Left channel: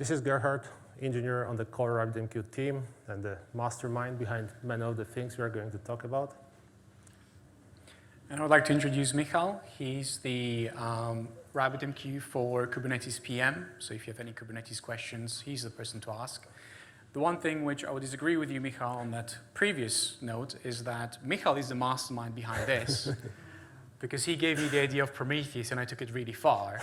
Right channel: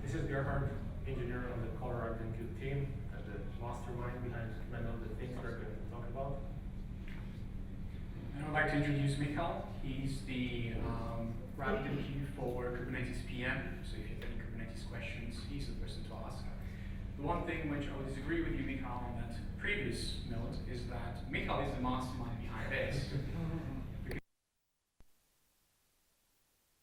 This is Gerhard, engineer on the core RabbitMQ team and the mastermind behind many of the things we are going to talk about. And I would like to introduce Michal. He's the RabbitMQ for Kubernetes PM. So if you have any Kubernetes questions, he's the person to ask. The one thing which I would disagree with you, Michal, on that previous note is that Michal is the mastermind behind this. Because he gave me the idea of Prometheus and I took it really far.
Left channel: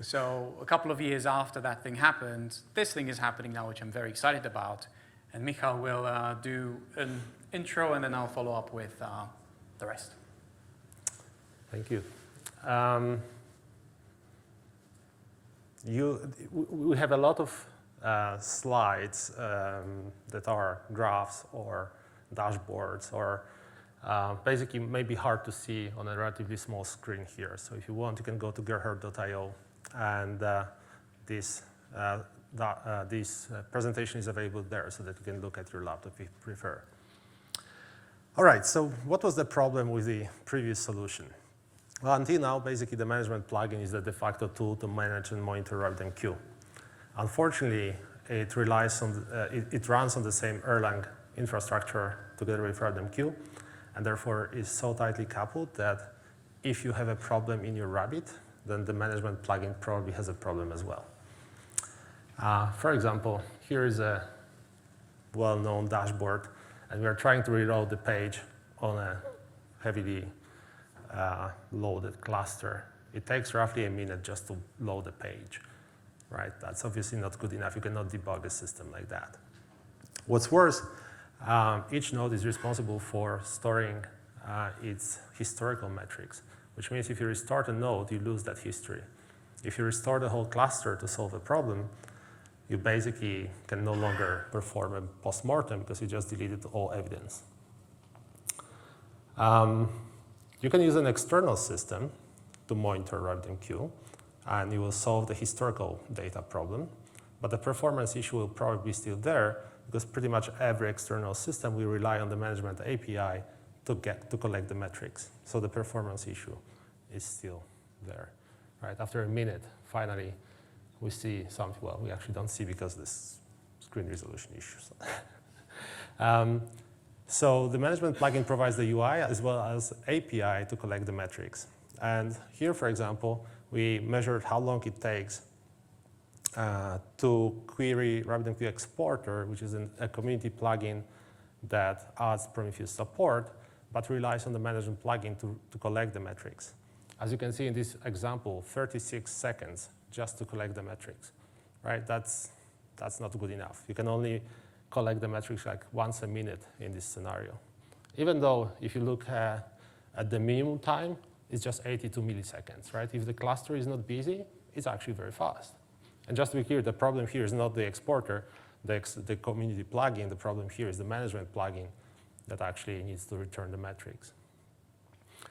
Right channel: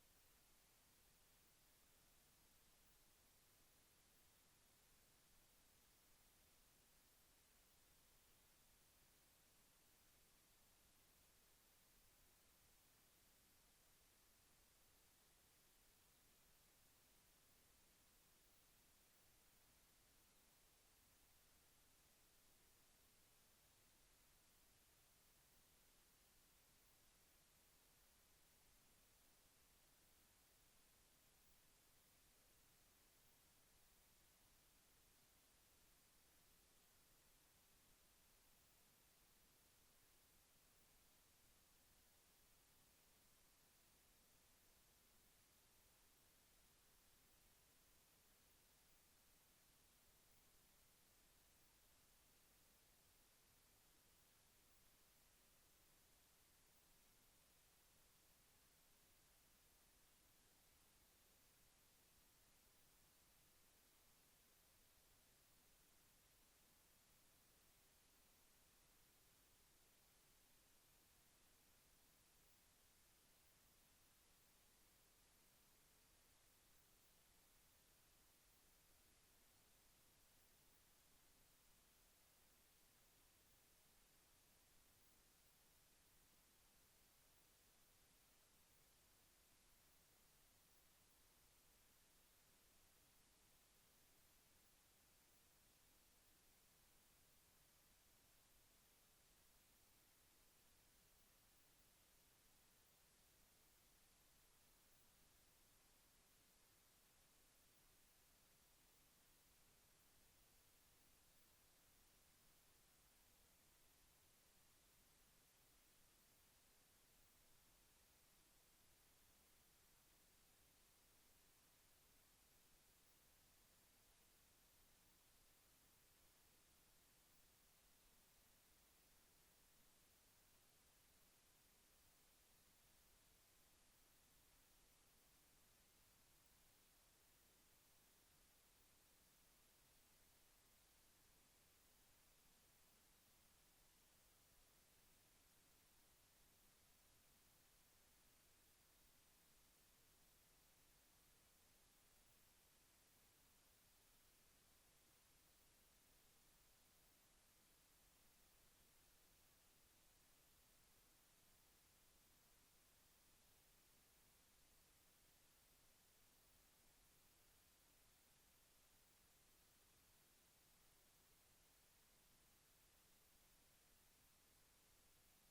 So a couple of years after that thing happened, this thing is happening now, which I'm very excited about. And Michal will do an intro and then I'll follow up with the rest. Thank you. We have a lot of slides that are graphs or dashboards or basically maybe hard to see on a relatively small screen here. So if you want, you can go to gerhard.io and this presentation is available there so that you can look at your laptop if you prefer. All right, so what was the problem with the previous solution? Well, until now, basically the management plugin is the de facto tool to manage and monitor RabbitMQ. Unfortunately, it relies on it runs on the same Erlang infrastructure together with RabbitMQ, and therefore is so tightly coupled that if you have a problem in your Rabbit, then the management plugin probably has a problem as well. For example, here is a well-known dashboard, and we are trying to reload the page on a heavily loaded cluster. It takes roughly a minute just to load the page, right? That's obviously not good enough. You cannot debug a system like that. What's worse, each node is responsible for storing its historical metrics, which means if you restart a node, you lose that history. If you restore the whole cluster to solve a problem, you basically can no longer perform a post-mortem because you just deleted all evidence. You can use an external system to monitor RabbitMQ, and you will solve the historical data problem, but the performance issue will probably be still there because pretty much every external system will rely on the management API to collect the metrics. So the performance issue is still there. Right? After a minute, finally, we see something. Well, we actually don't see because this screen resolution issues. So the management plugin provides the UI as well as API to collect the metrics. And here, for example, we measured how long it takes to query RabbitMQ exporter, which is a community plugin that adds Prometheus support, but relies on the management plugin to collect the metrics. As you can see in this example, 36 seconds just to collect the metrics, right? That's not good enough. You can only collect the metrics like once a minute in this scenario. Even though if you look at the minimum time, it's just 82 milliseconds, right? If the cluster is not busy, it's actually very fast. And just to be clear, the problem here is not the exporter, the community plugin. The problem here is the management plugin that actually needs to return the metrics.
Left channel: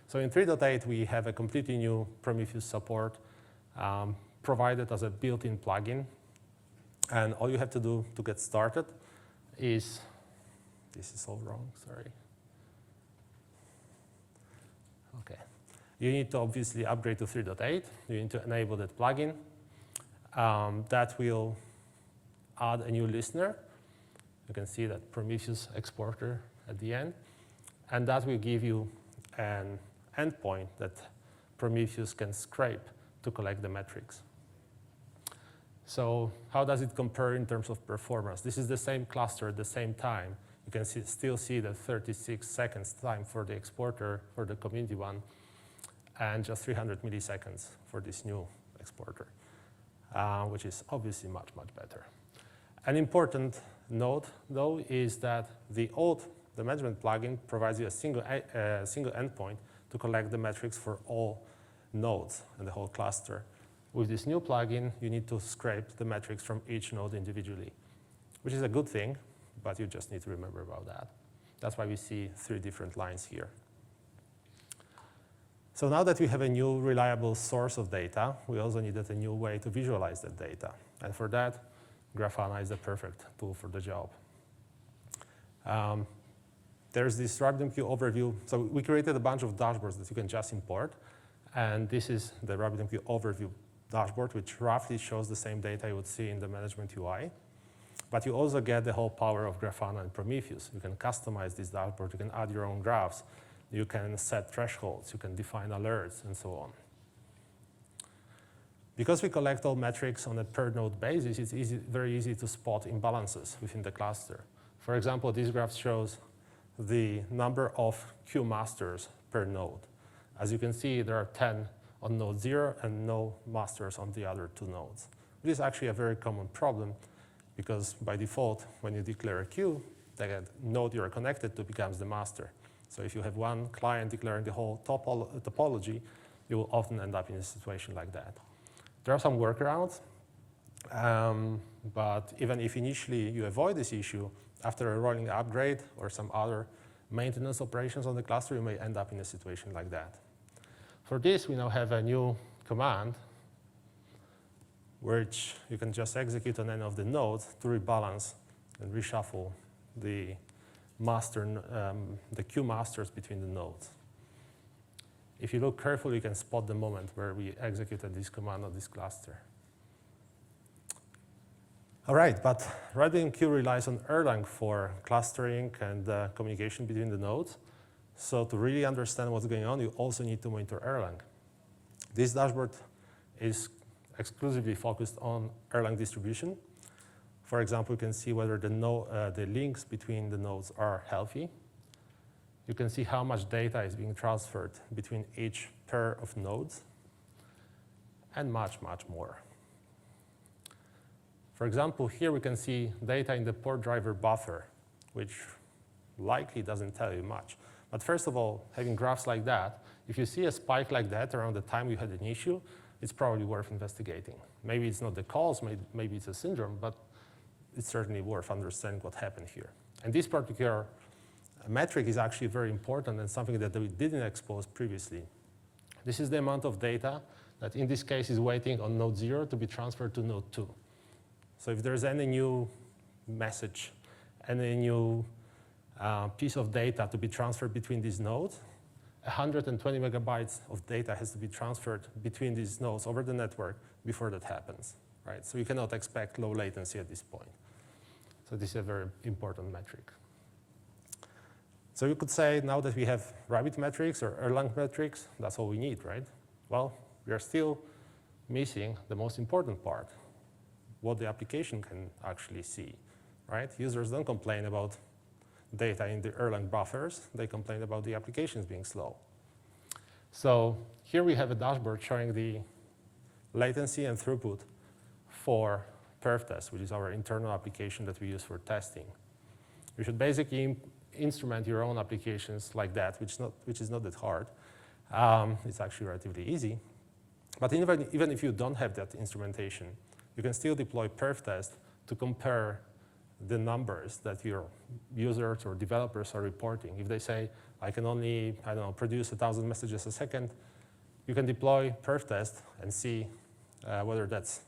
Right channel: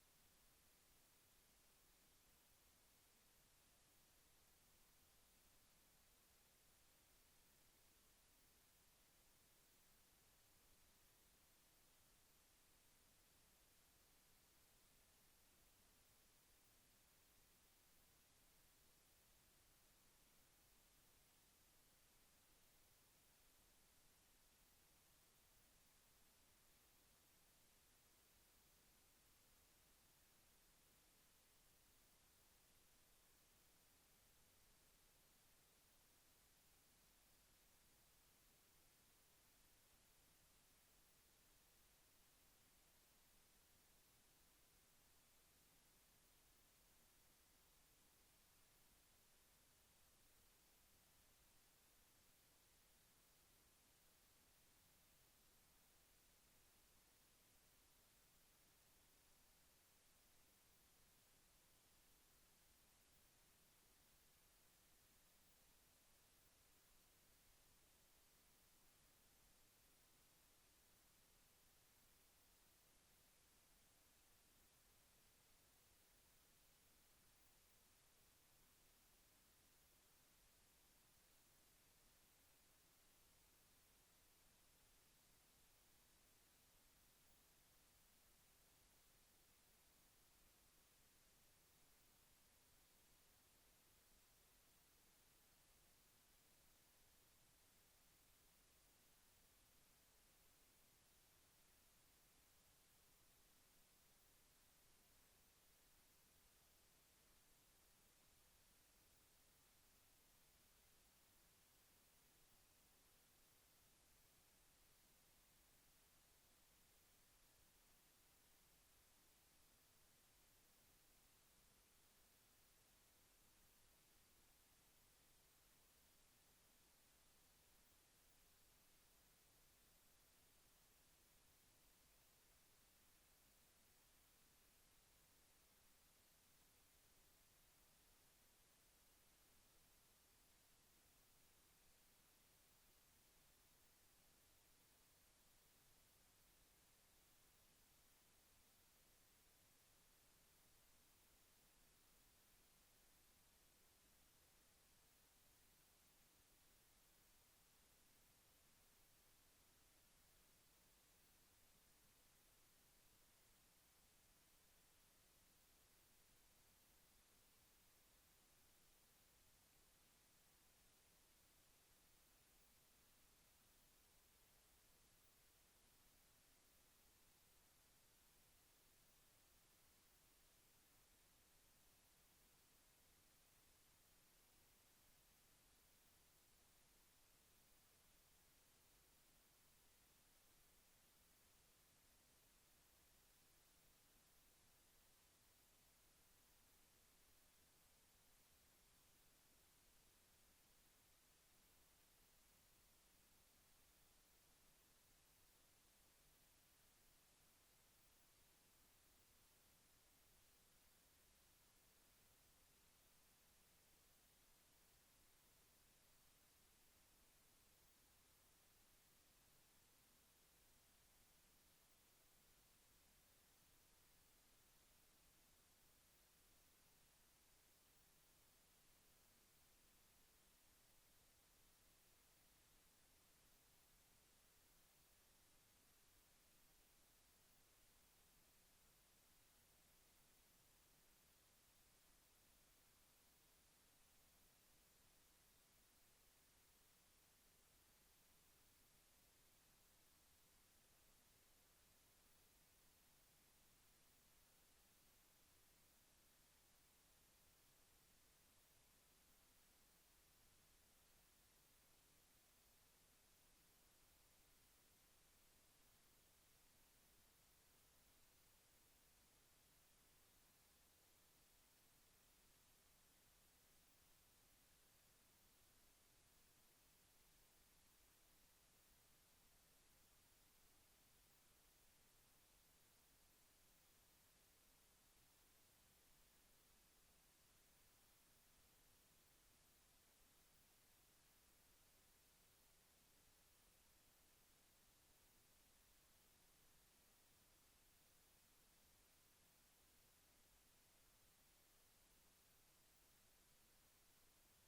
So in 3.8, we have a completely new Prometheus support provided as a built-in plugin. And all you have to do to get started is, this is all wrong, sorry. Okay. You need to obviously upgrade to 3.8. You need to enable that plugin. That will add a new listener. You can see that Prometheus exporter at the end. And that will give you an endpoint that Prometheus can scrape to collect the metrics. So how does it compare in terms of performance? This is the same cluster at the same time. You can still see the 36 seconds time for the exporter, for the community one, and just 300 milliseconds for this new exporter, which is obviously much, much better. An important note, though, is that the management plugin provides you a single endpoint to collect the metrics for all nodes in the whole cluster. With this new plugin, you need to scrape the metrics from each node individually, which is a good thing, but you just need to remember about that. That's why we see 3 different lines here. So now that we have a new reliable source of data, we also needed a new way to visualize that data. And for that, Grafana is the perfect tool for the job. There's this RabbitMQ overview. So we created a bunch of dashboards that you can just import. And this is the RabbitMQ overview dashboard, which roughly shows the same data you would see in the management UI. But you also get the whole power of Grafana and Prometheus. You can customize this dashboard. You can add your own graphs. You can set thresholds. You can define alerts, and so on. Because we collect all metrics on a per-node basis, it's very easy to spot imbalances within the cluster. For example, this graph shows the number of queue masters per node. As you can see, there are 10 on node 0 and no masters on the other 2 nodes. This is actually a very common problem because by default, when you declare a queue, the node you're connected to becomes the master. So if you have one client declaring the whole topology, you will often end up in a situation like that. There are some workarounds, but even if initially you avoid this issue, after a rolling upgrade or some other maintenance operations on the cluster, you may end up in a situation like that. For this, we now have a new command which you can just execute on any of the nodes to rebalance and reshuffle the queue masters between the nodes. If you look carefully, you can spot the moment where we executed this command on this cluster. All right, but RabbitMQ relies on Erlang for clustering and communication between the nodes. So to really understand what's going on, you also need to monitor Erlang. This dashboard is exclusively focused on Erlang distribution. For example, you can see whether the links between the nodes are healthy. You can see how much data is being transferred between each pair of nodes, and much, much more. For example, here we can see data in the port driver buffer, which likely doesn't tell you much. But first of all, having graphs like that, if you see a spike like that around the time you had an issue, it's probably worth investigating. Maybe it's not the cause, maybe it's a syndrome, but it's certainly worth understanding what happened here. And this particular metric is actually very important and something that we didn't expose previously. This is the amount of data that in this case is waiting on node 0 to be transferred to node 2. So if there's any new message, any new piece of data to be transferred between these nodes, 120 megabytes of data has to be transferred between these nodes over the network before that happens, right? So you cannot expect low latency at this point. So this is a very important metric. So you could say now that we have Rabbit metrics or Erlang metrics, that's all we need, right? Well, we are still missing the most important part, what the application can actually see, right? Users don't complain about data in the Erlang buffers, they complain about the applications being slow. So here we have a dashboard showing the latency and throughput for perf test, which is our internal application that we use for testing. You should basically instrument your own applications like that, which is not that hard. It's actually relatively easy. But even if you don't have that instrumentation, you can still deploy perf test to compare the numbers that your users or developers are reporting. If they say, I can only, I don't know, produce 1,000 messages a second, you can deploy perf test and see whether that's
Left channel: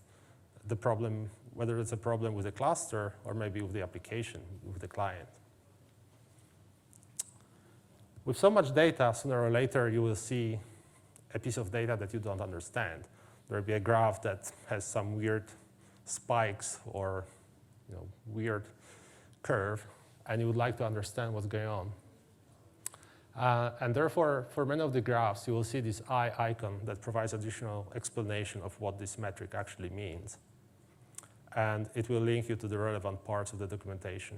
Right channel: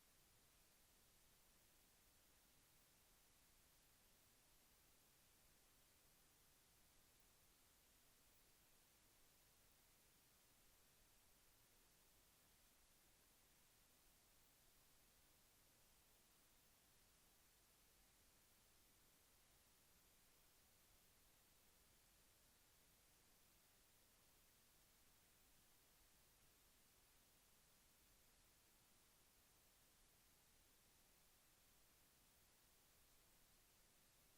the problem, whether it's a problem with the cluster or maybe with the application, with the client. With so much data, sooner or later, you will see a piece of data that you don't understand. There will be a graph that has some weird spikes or weird curve, and you would like to understand what's going on. And therefore, for many of the graphs, you will see this eye icon that provides additional explanation of what this metric actually means. And it will link you to the relevant parts of the documentation.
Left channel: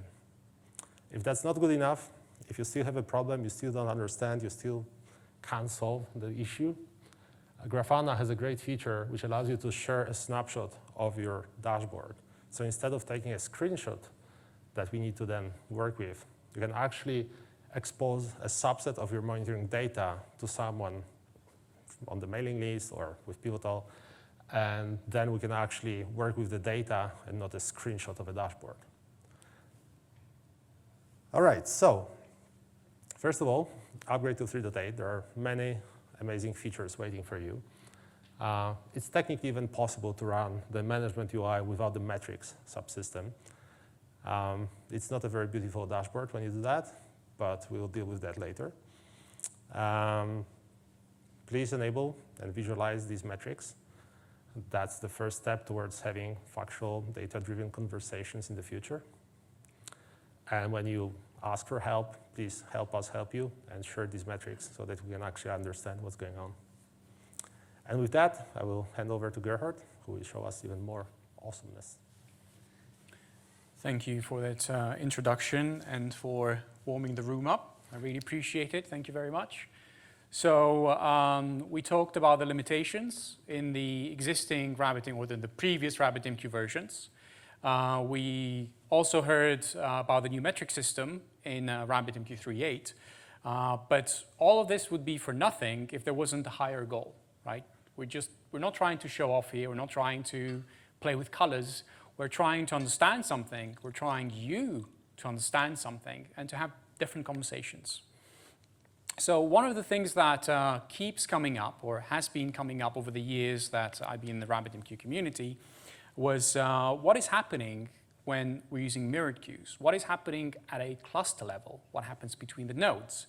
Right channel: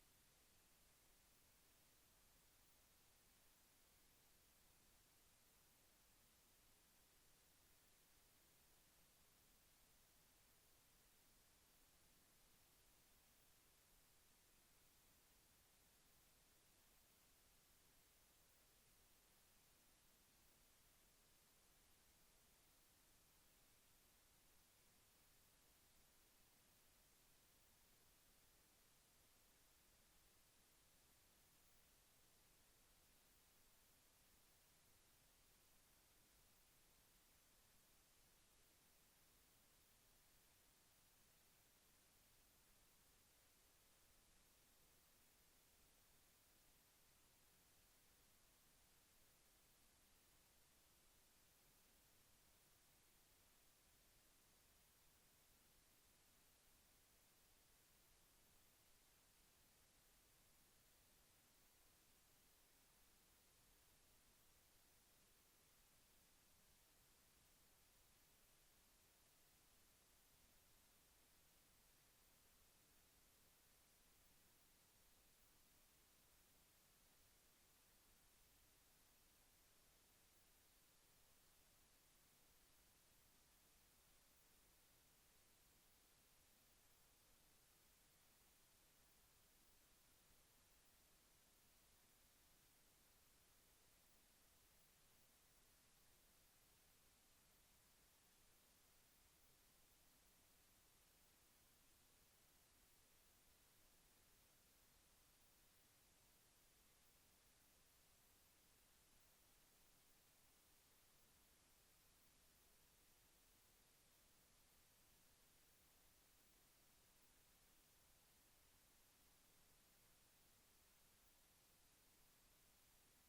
If that's not good enough, if you still have a problem, you still don't understand, you still can't solve the issue, Grafana has a great feature which allows you to share a snapshot of your dashboard. So instead of taking a screenshot that we need to then work with, you can actually expose a subset of your monitoring data to someone on the mailing list or with Pivotal, and then we can actually work with the data and not a screenshot of a dashboard. All right, so first of all, upgrade to 3.8. There are many amazing features waiting for you. It's technically even possible to run the management UI without the metrics subsystem. It's not a very beautiful dashboard when you do that, but we'll deal with that later. Please enable and visualize these metrics. that's the first step towards having factual data-driven conversations in the future. And when you ask for help, please help us help you and share these metrics so that we can actually understand what's going on. And with that, I will hand over to Gerhard, who will show us even more awesomeness. Thank you for that introduction and for warming the room up. I really appreciate it. Thank you very much. So we talked about the limitations in the existing RabbitMQ or in the previous RabbitMQ versions. We also heard about the new metric system in RabbitMQ 3.8. But all of this would be for nothing if there wasn't a higher goal, right? We're not trying to show off here. We're not trying to play with colors. We're trying to understand something. We're trying you to understand something and to have different conversations. So one of the things that keeps coming up or has been coming up over the years that I've been in the RabbitMQ community was what is happening when we're using mirrored queues? What is happening at a cluster level? What happens between the nodes?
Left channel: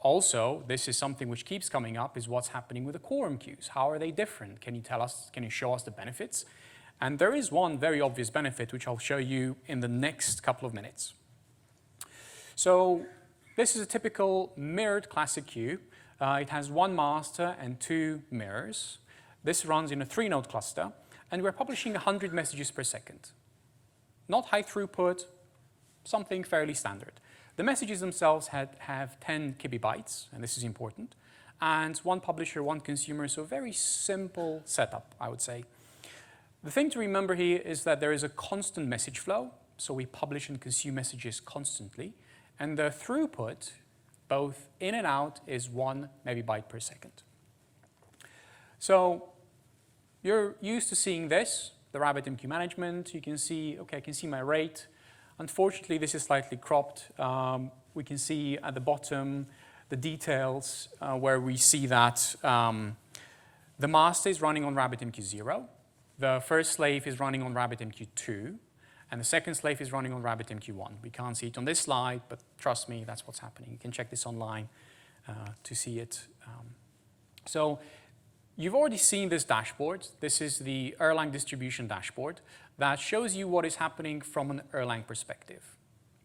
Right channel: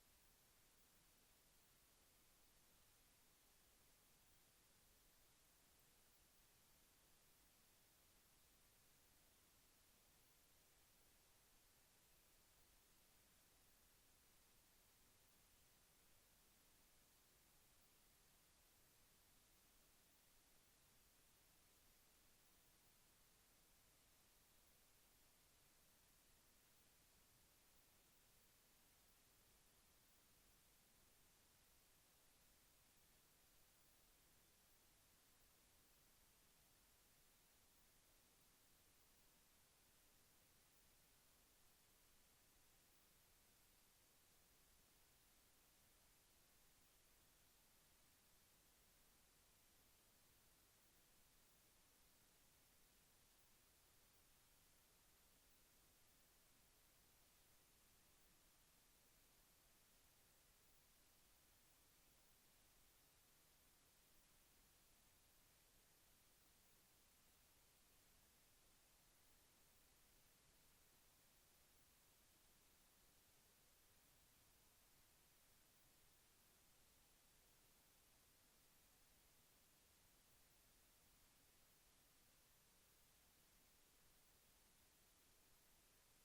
Also, this is something which keeps coming up is what's happening with the quorum queues. How are they different? Can you tell us, can you show us the benefits? And there is one very obvious benefit which I'll show you in the next couple of minutes. So this is a typical mirrored classic queue. It has one master and two mirrors. This runs in a 3-node cluster, and we're publishing 100 messages per second. Not high throughput, something fairly standard. The messages themselves have 10 kibibytes, and this is important, and one publisher, one consumer, so very simple setup, I would say. The thing to remember here is that there is a constant message flow, so we publish and consume messages constantly. And the throughput, both in and out, is 1 megabyte per second. So you're used to seeing this, the RabbitMQ management. You can see, okay, I can see my rate. Unfortunately, this is slightly cropped. We can see at the bottom the details where we see that the master is running on RabbitMQ 0. The first slave is running on RabbitMQ 2. And the second slave is running on RabbitMQ 1. We can't see it on this slide, but trust me, that's what's happening. You can check this online to see it. So you've already seen this dashboard. This is the Erlang distribution dashboard that shows you what is happening from an Erlang perspective.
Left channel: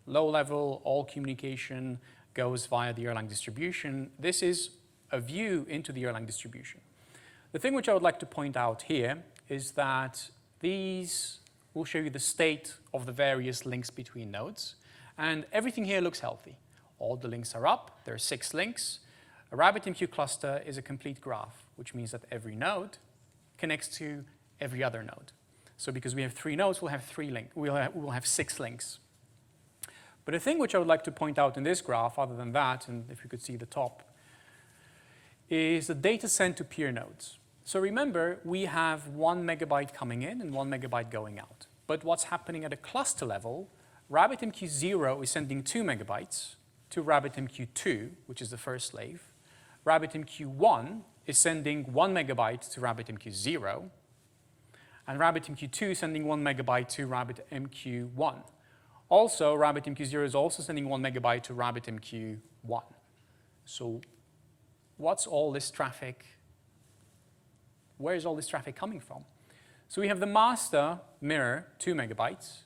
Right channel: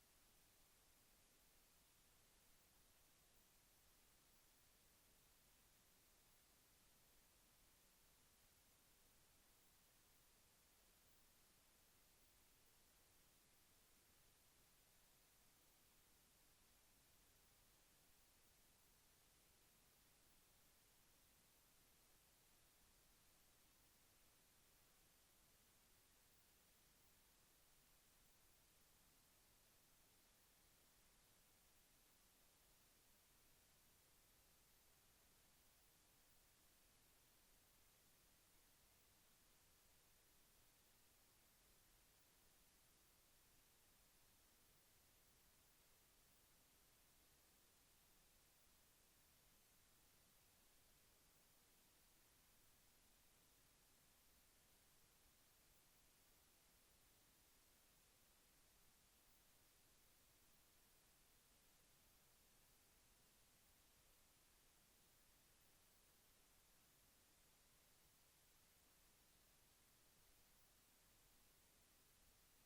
Low level, all communication goes via the Erlang distribution. This is a view into the Erlang distribution. The thing which I would like to point out here is that these will show you the state of the various links between nodes. And everything here looks healthy. All the links are up. There are 6 links. A RabbitMQ cluster is a complete graph, which means that every node connects to every other node. So because we have 3 nodes, we'll have 3 links. We'll have 6 links. But the thing which I would like to point out in this graph, other than that, and if you could see the top, is the data sent to peer nodes. So remember, we have 1 megabyte coming in and 1 megabyte going out. But what's happening at a cluster level, RabbitMQ 0 is sending 2 megabytes to RabbitMQ 2, which is the first slave. RabbitMQ 1 is sending 1 megabyte to RabbitMQ 0. And RabbitMQ 2 is sending 1 megabyte to RabbitMQ 1. Also, RabbitMQ 0 is also sending 1 megabyte to RabbitMQ 1. So what's all this traffic? Where is all this traffic coming from? So we have the master mirror, 2 megabytes,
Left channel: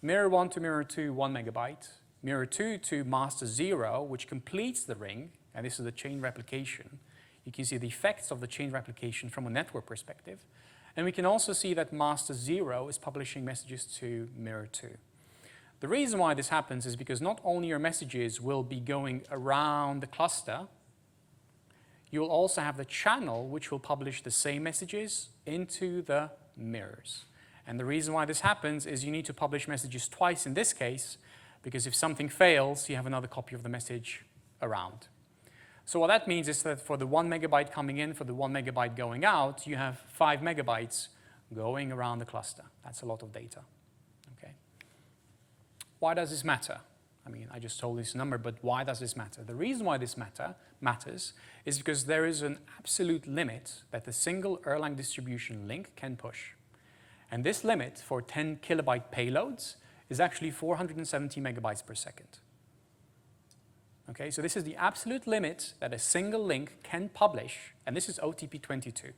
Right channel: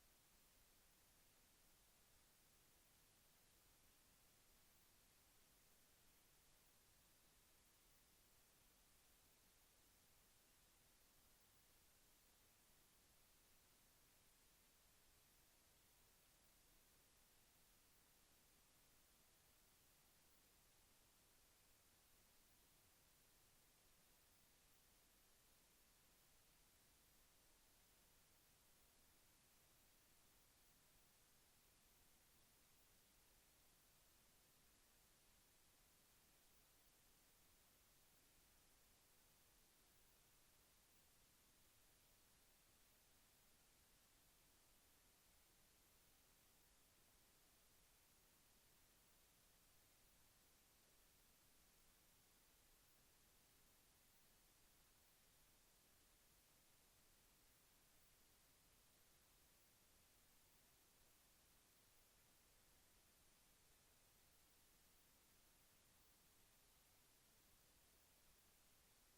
mirror 1 to mirror 2, 1 megabyte, mirror 2 to master 0, which completes the ring, and this is the chain replication. You can see the effects of the chain replication from a network perspective. And we can also see that master 0 is publishing messages to mirror 2. The reason why this happens is because not only your messages will be going around the cluster, you'll also have the channel which will publish the same messages into the mirrors. And the reason why this happens is you need to publish messages twice in this case, because if something fails, you have another copy of the message around. So what that means is that for the 1 megabyte coming in, for the 1 megabyte going out, you have 5 megabytes going around the cluster. That's a lot of data. Okay. Why does this matter? I mean, I just told this number, but why does this matter? The reason why this matters is because there is an absolute limit that the single Erlang distribution link can push. And this limit for 10 kilobyte payloads is actually 470 megabytes per second. Okay, so this is the absolute limit that a single link can publish, and this is OTP 22.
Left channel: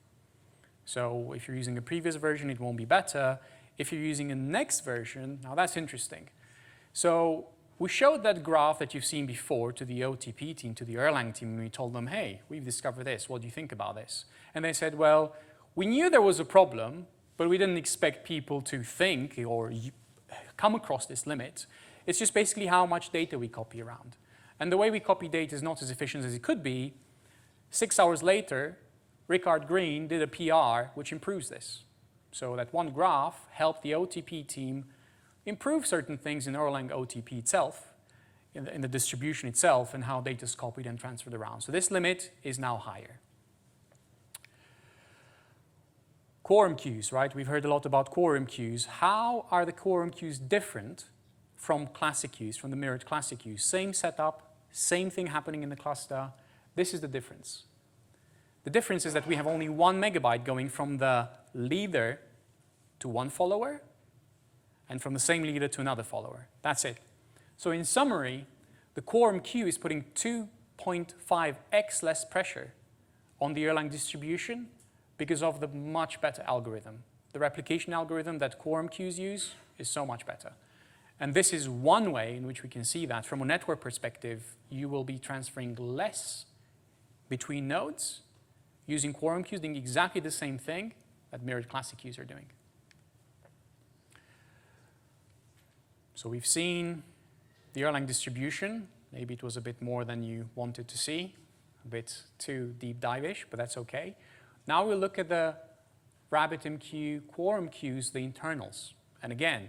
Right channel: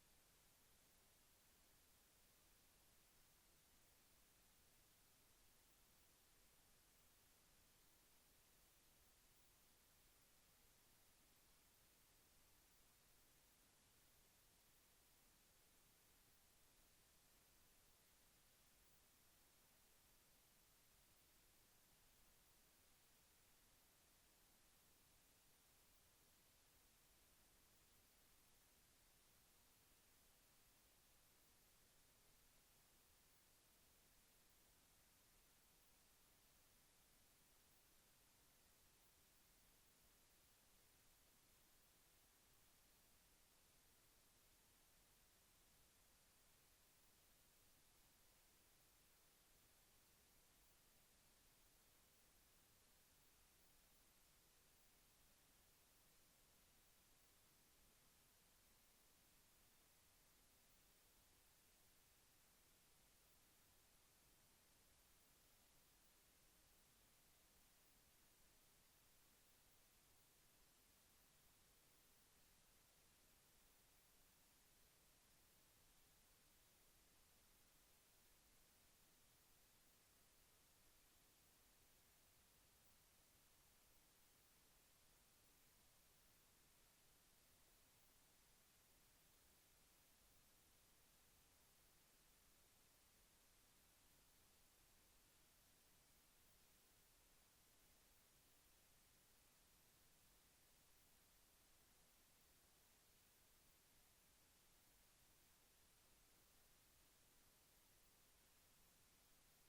So if you're using a previous version, it won't be better. If you're using a next version, now that's interesting. So we showed that graph that you've seen before to the OTP team, to the Erlang team, and we told them, hey, we've discovered this. What do you think about this? And they said, well, we knew there was a problem, but we didn't expect people to think or come across this limit. It's just basically how much data we copy around. And the way we copy data is not as efficient as it could be. 6 hours later, Gerhard Green did a PR which improves this. So that one graph helped the OTP team improve certain things in Erlang OTP itself, in the distribution itself, and how data is copied and transferred around. So this limit is now higher. Quorum queues, right? We've heard a lot about quorum queues. How are the quorum queues different from classic queues, from the mirrored classic queues? Same setup, same thing happening in the cluster. This is the difference. The difference is that we have only 1 megabyte going from the leader to one follower, and from the same leader to another follower. That's it. So in summary, the quorum queue is putting 2.5x less pressure on the Erlang distribution because of the much better algorithm. The replication algorithm that quorum queues use is so much better. And this is one way in which we can see that from a network perspective, you will be transferring less between nodes using quorum queues, doing exactly the same thing that mirrored classic queues are doing. So we've seen the Erlang distribution. Maybe it was a bit more than you wanted to see, a bit too deep dive-ish, but that's okay. Now we'll look at the RabbitMQ quorum queues, the internals. And again,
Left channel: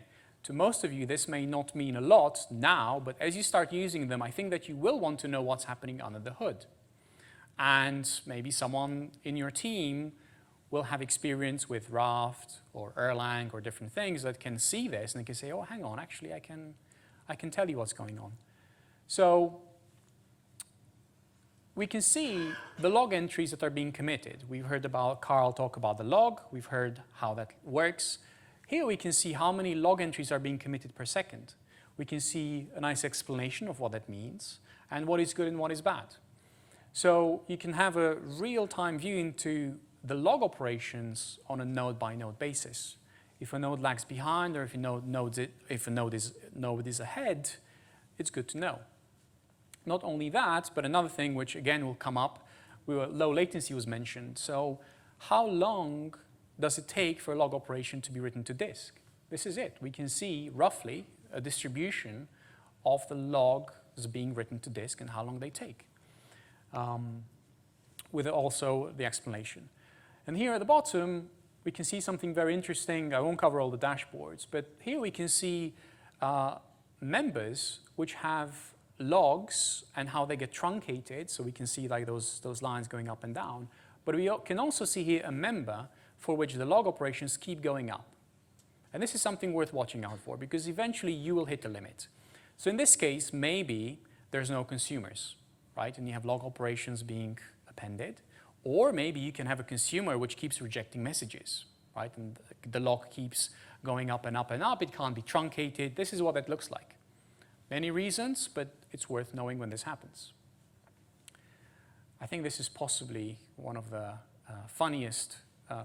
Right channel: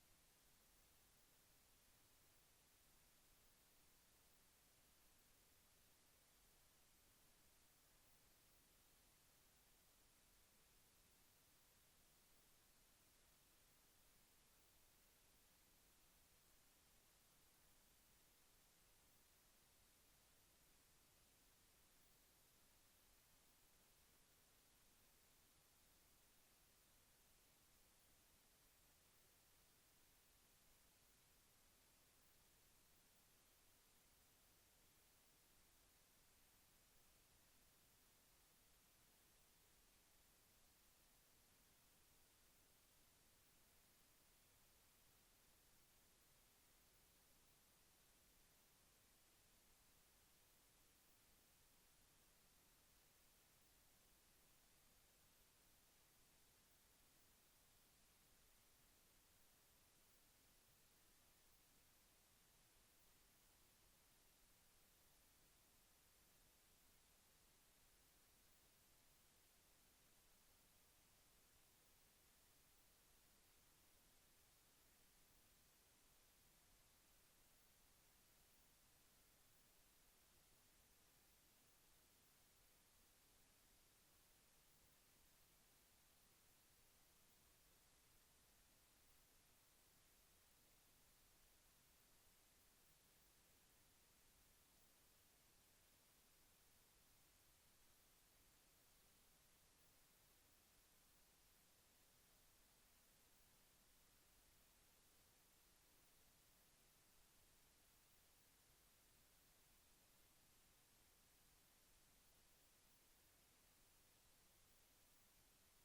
to most of you, this may not mean a lot now, but as you start using them, I think that you will want to know what's happening under the hood. And maybe someone in your team will have experience with Raft or Erlang or different things that can see this and they can say, oh, hang on, actually I can tell you what's going on. So we can see the log entries that are being committed. We've heard about Carl talk about the log. We've heard how that works. Here we can see how many log entries are being committed per second. We can see a nice explanation of what that means and what is good and what is bad. So you can have a real-time view into the log operations on a node-by-node basis. If a node lags behind or if a node is ahead, it's good to know. Not only that, but another thing which again will come up, low latency was mentioned. So how long does it take for a log operation to be written to disk? This is it. We can see roughly a distribution of the logs being written to disk and how long they take, with also the explanation. And here at the bottom, we can see something very interesting. I won't cover all the dashboards, but here we can see members which have logs and how they get truncated. So we can see like those lines going up and down. But we can also see here a member for which the log operations keep going up. And this is something worth watching out for because eventually you will hit a limit. So in this case, maybe there's no consumers, right? And you have log operations being appended. Or maybe you can have a consumer which keeps rejecting messages, right? And the log keeps going up and up and up. It can't be truncated. This is what it looks like. Many reasons, but it's worth knowing when this happens. I think this is possibly one of the funniest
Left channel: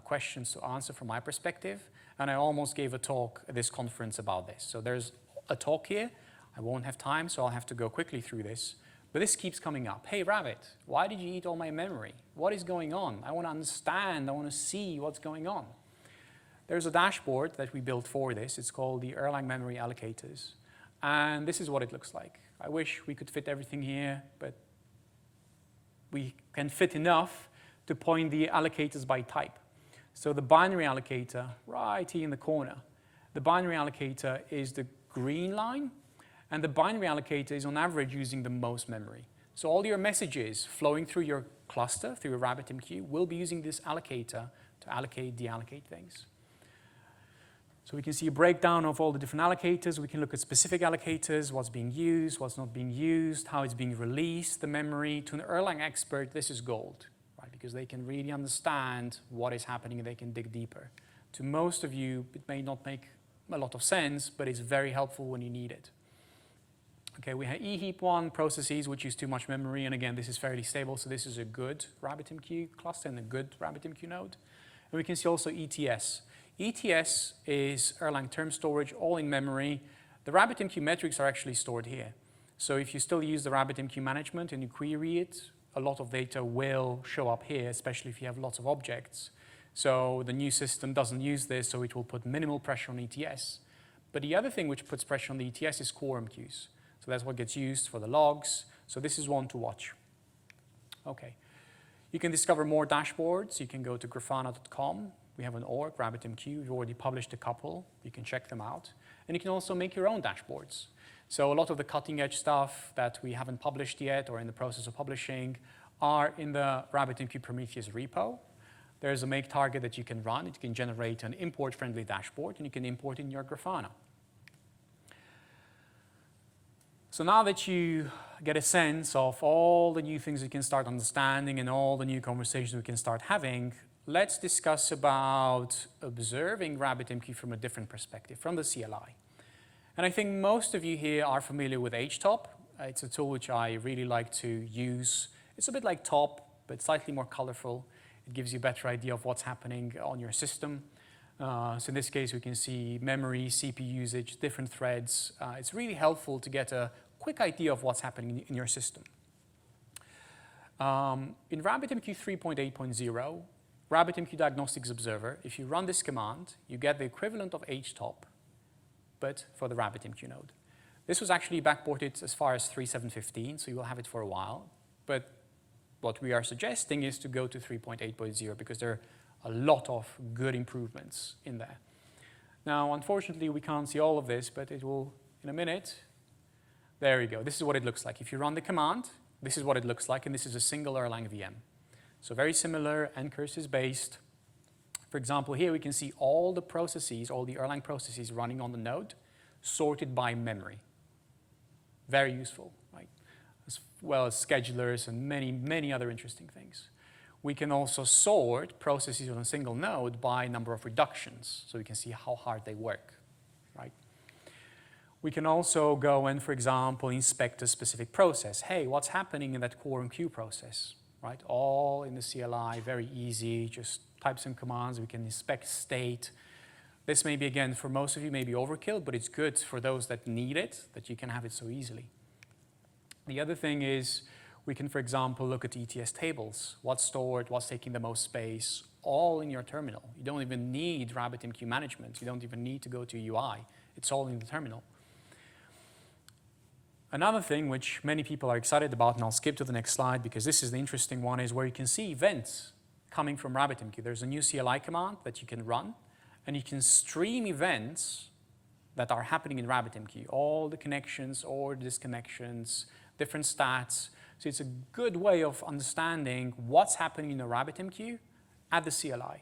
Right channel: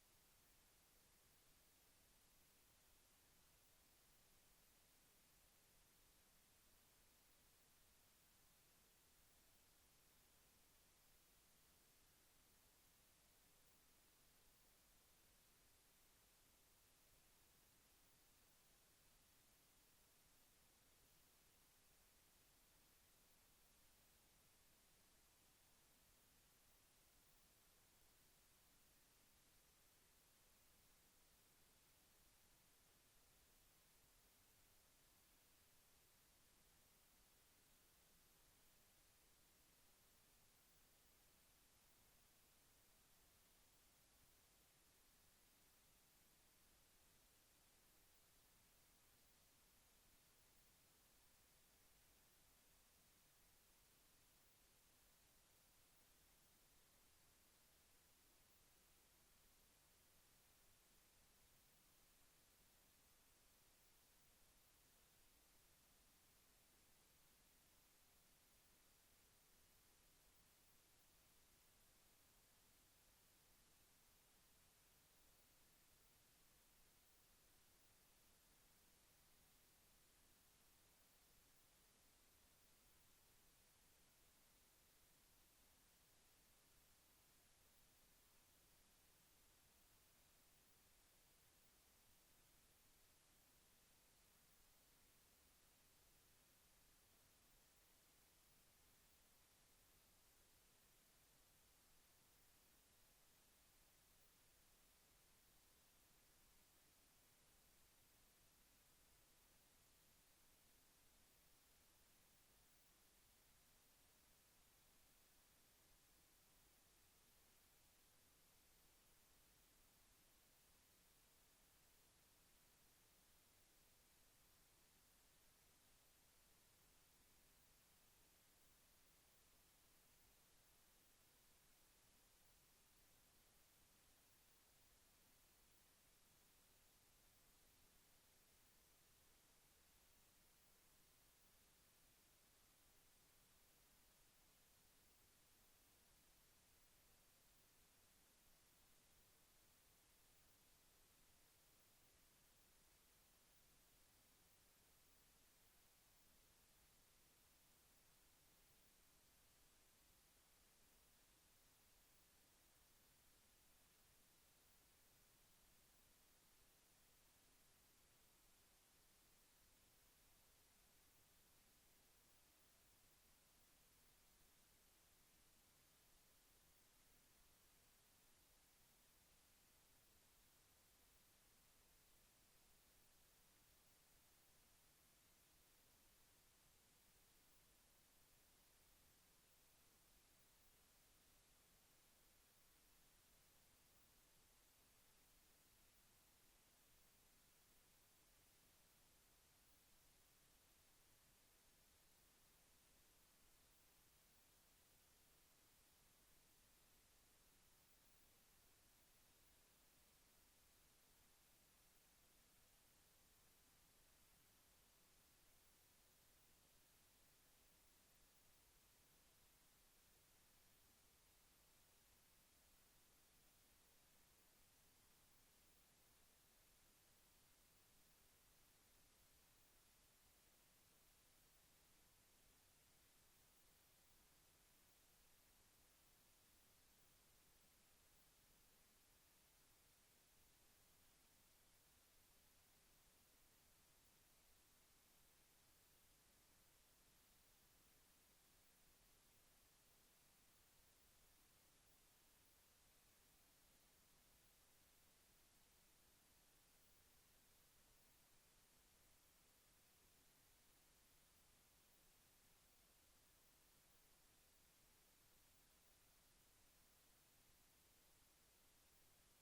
questions to answer from my perspective. And I almost gave a talk at this conference about this. So there's a talk here. I won't have time, so I'll have to go quickly through this. But this keeps coming up. Hey, Rabbit, why did you eat all my memory? What is going on? I want to understand. I want to see what's going on. There's a dashboard that we built for this. It's called the Erlang Memory Allocators. And this is what it looks like. I wish we could fit everything here, but we can fit enough to point the allocators by type. So the binary allocator, right here in the corner, the binary allocator is the green line. And the binary allocator is on average using the most memory. So all your messages flowing through your cluster, through a RabbitMQ, will be using this allocator to allocate, deallocate things. So we can see a breakdown of all the different allocators. We can look at specific allocators, what's being used, what's not being used, how it's being released, the memory. To an Erlang expert, this is gold, right? Because they can really understand what is happening and they can dig deeper. To most of you, it may not make a lot of sense, but it's very helpful when you need it. Okay, we have eheap1 processes which use too much memory, and again, this is fairly stable, so this is a good RabbitMQ cluster and a good RabbitMQ node. And we can see also ETS. ETS is Erlang term storage, all in memory. The RabbitMQ metrics are actually stored here. So if you still use the RabbitMQ management and you query it, a lot of data will show up here, especially if you have lots of objects. So the new system doesn't use this, so it will put minimal pressure on ETS. But the other thing which puts pressure on the ETS is quorum queues. So that's what gets used for the logs. So this is one to watch. Okay. You can discover more dashboards. You can go to grafana.com. We have an org, RabbitMQ. We've already published a couple. You can check them out. And you can also make your own dashboards. So a lot of the cutting edge stuff that we haven't published yet or in the process of publishing are in the RabbitMQ Prometheus repo. There's a make target that you can run. It can generate an import-friendly dashboard, and you can import in your Grafana. So now that you get a sense of all the new things you can start understanding and all the new conversations we can start having, let's discuss about observing RabbitMQ from a different perspective, from the CLI. And I think most of you here are familiar with HTOP. It's a tool which I really like to use. It's a bit like TOP, but slightly more colorful. It gives you a better idea of what's happening on your system. So in this case, we can see memory, CPU usage, different threads. It's really helpful to get a quick idea of what's happening in your system. In RabbitMQ 3.8.0, RabbitMQ Diagnostics Observer, if you run this command, you get the equivalent of HTOP, but for the RabbitMQ node. This was actually backported as far as 3.7.15, so you will have it for a while. But what we are suggesting is to go to 3.8.0 because there are a lot of good improvements in there. Now, unfortunately, we can't see all of this, but it will in a minute. There you go. This is what it looks like. If you run the command, this is what it looks like, and this is a single Erlang VM. So very similar, ncurses based. For example, here we can see all the processes, all the Erlang processes running on the node, sorted by memory. Very useful, right? As well as schedulers and many, many other interesting things. We can also sort processes on a single node by number of reductions, so we can see how hard they work, right? We can also go and, for example, inspect a specific process. Hey, what's happening in that quorum queue process, right? All in the CLI, very easy, just type some commands. We can inspect state. This may be, again, for most of you, maybe overkill, but it's good for those that need it, that you can have it so easily. The other thing is we can, for example, look at ETS tables. What's stored, what's taking the most space, all in your terminal. You don't even need RabbitMQ management. You don't even need to go to UI. It's all in the terminal. Another thing which many people are excited about, and I'll skip to the next slide because this is the interesting one, is where you can see events coming from RabbitMQ. There's a new CLI command that you can run, and you can stream events that are happening in RabbitMQ. All the connections or disconnections, different stats. So it's a good way of understanding what's happening in the RabbitMQ at the CLI.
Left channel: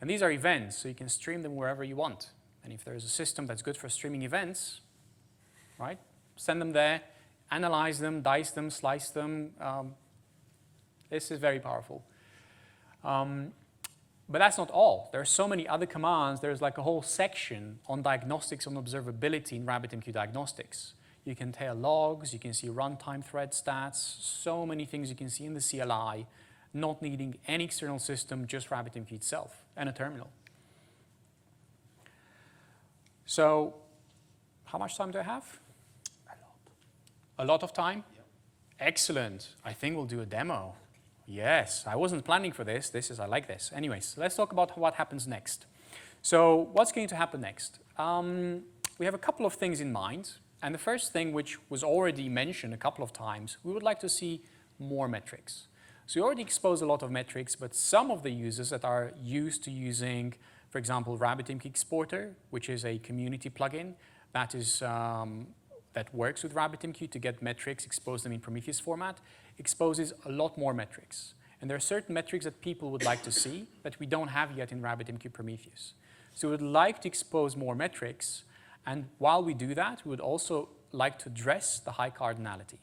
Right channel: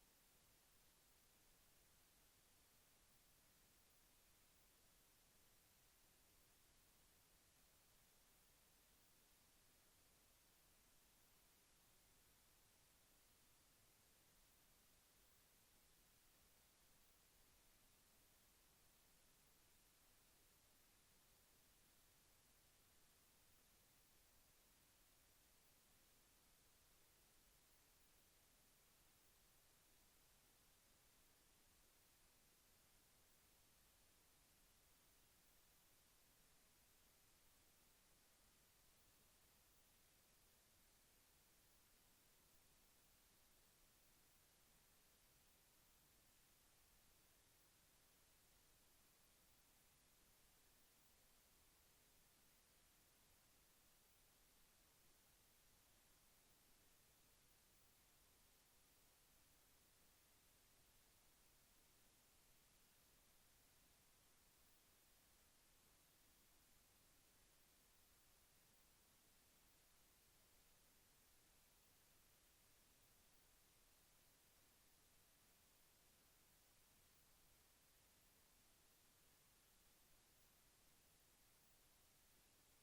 And these are events, so you can stream them wherever you want. And if there's a system that's good for streaming events, right, send them there, analyze them, dice them, slice them. This is very powerful. But that's not all. There are so many other commands. There's like a whole section on diagnostics on observability in RabbitMQ Diagnostics. You can tail logs, you can see runtime thread stats, so many things you can see in the CLI, not needing any external system, just RabbitMQ itself and a terminal. So how much time do I have? A lot of time? Yep. Excellent. I think we'll do a demo. Yes, I wasn't planning for this. I like this. Anyways, let's talk about what happens next. So what's going to happen next? We have a couple of things in mind. And the first thing, which was already mentioned a couple of times, we would like to see more metrics. So we already exposed a lot of metrics, but some of the users that are used to using, for example, RabbitMQ Exporter, which is a community plugin that is that works with RabbitMQ to get metrics, expose them in Prometheus format, exposes a lot more metrics. And there are certain metrics that people would like to see that we don't have yet in RabbitMQ Prometheus. So we would like to expose more metrics, and while we do that, we would also like to address the high cardinality.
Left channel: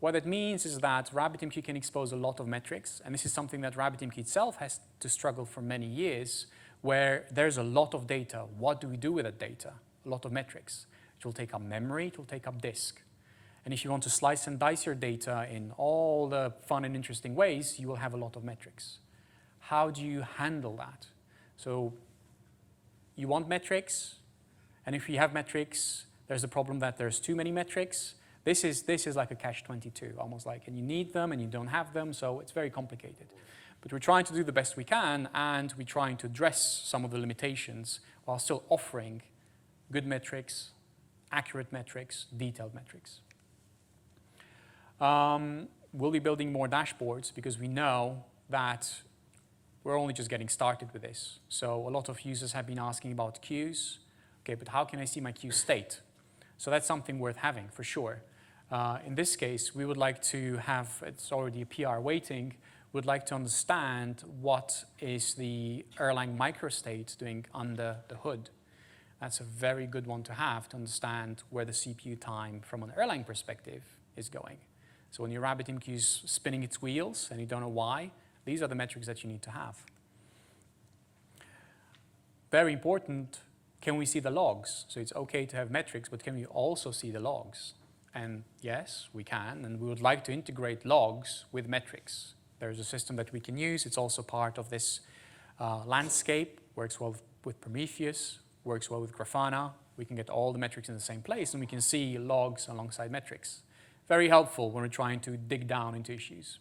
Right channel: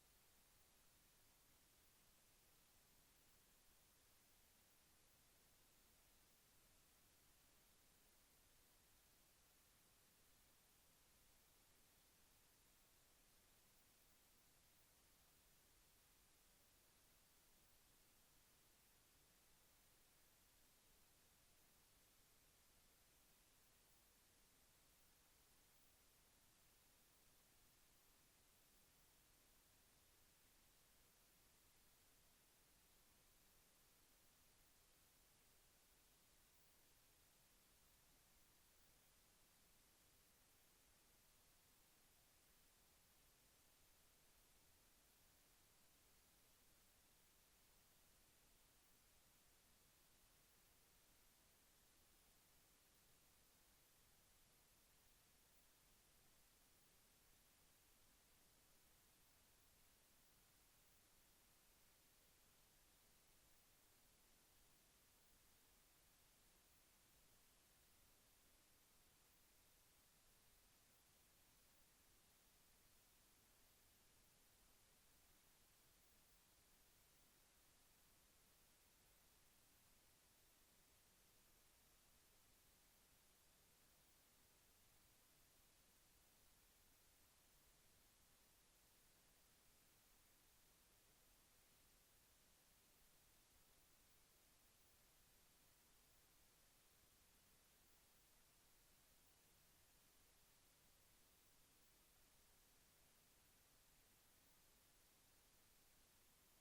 What that means is that RabbitMQ can expose a lot of metrics, and this is something that RabbitMQ itself has to struggle for many years, where there's a lot of data. What do we do with that data? A lot of metrics. It will take up memory, it will take up disk. And if you want to slice and dice your data in all the fun and interesting ways, you will have a lot of metrics. how do you handle that? So you want metrics, and if you have metrics, there's the problem that there's too many metrics. This is like a catch-22, almost like, and you need them and you don't have them, so it's very complicated. But we're trying to do the best we can, and we're trying to address some of the limitations while still offering good metrics, accurate metrics, detailed metrics. We'll be building more dashboards because we know that we're only just getting started with this. So a lot of users have been asking about queues. Okay, but how can I see my queue state? So that's something worth having for sure. In this case, we would like to have, it's already a PR waiting, would like to understand what is the Erlang microstate doing under the hood. That's a very good one to have to understand where the CPU time from an Erlang perspective is going. So when your RabbitMQ is spinning its wheels and you don't know why, these are the metrics that you need to have. Very important, can we see the logs? So it's okay to have metrics, but can we also see the logs? And yes, we can, and we would like to integrate logs with metrics. There's a system that we can use. It's also part of this landscape, works well with Prometheus, works well with Grafana. We can get all the metrics in the same place, and we can see logs alongside metrics. Very helpful when we're trying to dig down into issues.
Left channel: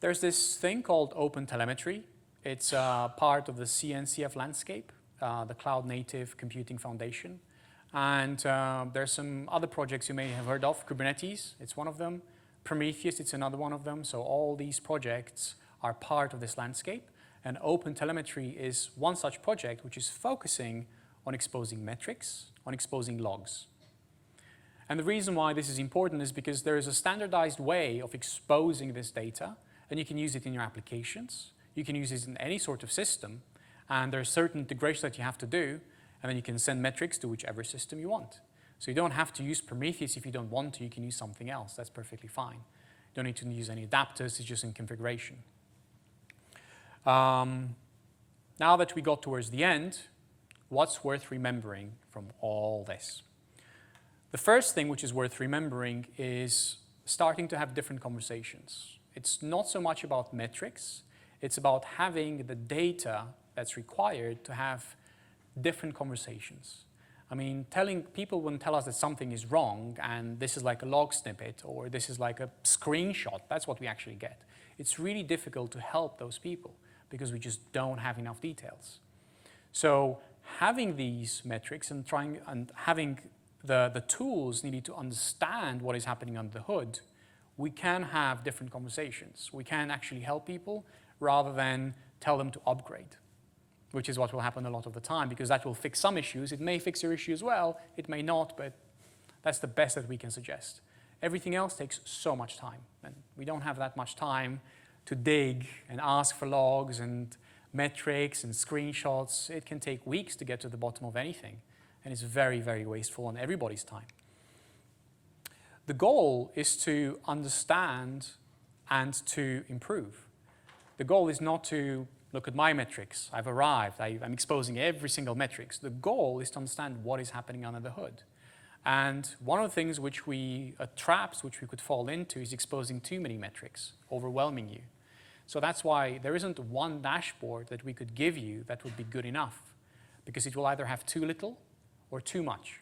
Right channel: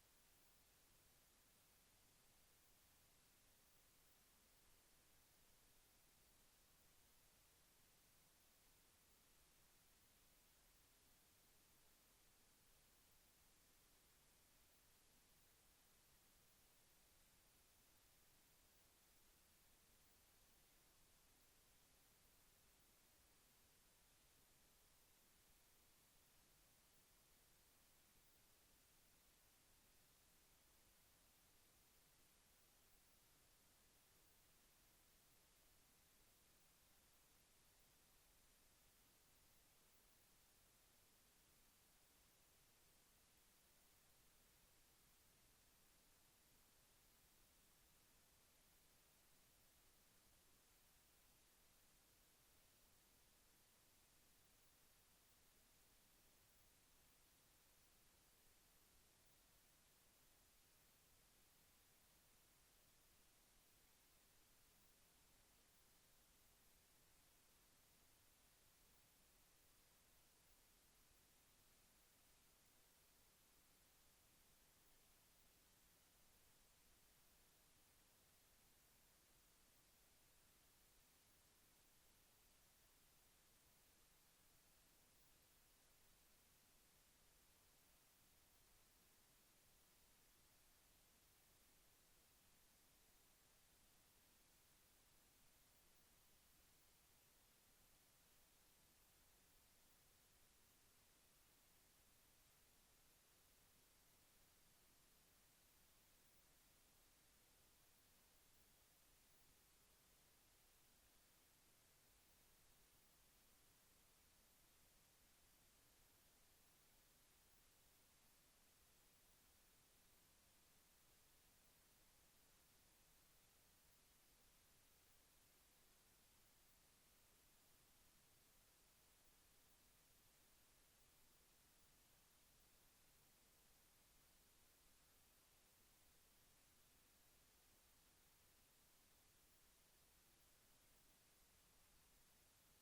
There's this thing called OpenTelemetry. It's part of the CNCF landscape, the Cloud Native Computing Foundation. And there's some other projects you may have heard of. Kubernetes, it's one of them. Prometheus, it's another one of them. So all these projects are part of this landscape. And OpenTelemetry is one such project which is focusing on exposing metrics, on exposing logs. And the reason why this is important is because there is a standardized way of exposing this data, and you can use it in your applications. You can use it in any sort of system, and there are certain integrations that you have to do, and then you can send metrics to whichever system you want. So you don't have to use Prometheus if you don't want to. You can use something else. That's perfectly fine. You don't need to use any adapters. It's just in configuration. Now that we got towards the end, what's worth remembering from all this? The first thing which is worth remembering is starting to have different conversations. It's not so much about metrics. It's about having the data that's required to have different conversations. I mean, people wouldn't tell us that something is wrong and this is like a log snippet or this is like a screenshot. That's what we actually get. It's really difficult to help those people because we just don't have enough details. So having these metrics and having the tools needed to understand what is happening under the hood, we can have different conversations. We can actually help people rather than tell them to upgrade, which is what will happen a lot of the time because that will fix some issues. It may fix your issue as well. It may not, but that's the best that we can suggest. Everything else takes so much time, and we don't have that much time to dig and ask for logs and metrics and screenshots. It can take weeks to get to the bottom of anything, and it's very, very wasteful on everybody's time. The goal is to understand and to improve. The goal is not to look at my metrics. I've arrived. I'm exposing every single metrics. The goal is to understand what is happening under the hood. And one of the things traps which we could fall into is exposing too many metrics, overwhelming you. So that's why there isn't one dashboard that we could give you that would be good enough, because it will either have too little or too much.